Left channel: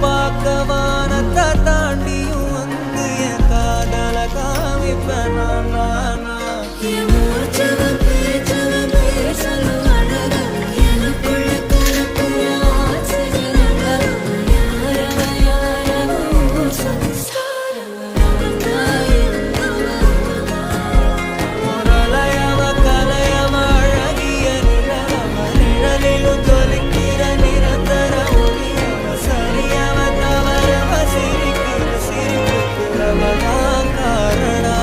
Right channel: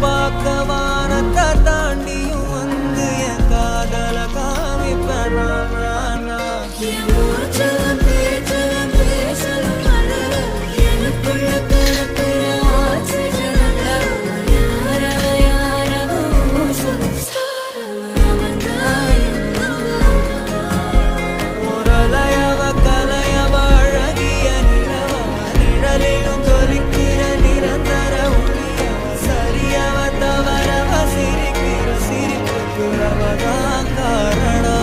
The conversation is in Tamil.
பார்க்க வானத்தை தாண்டியும் வந்து என் காதல காமிப்பேன் நான் சிரிக்கிற சிரிப்புக்கு அவதான் காரணம்.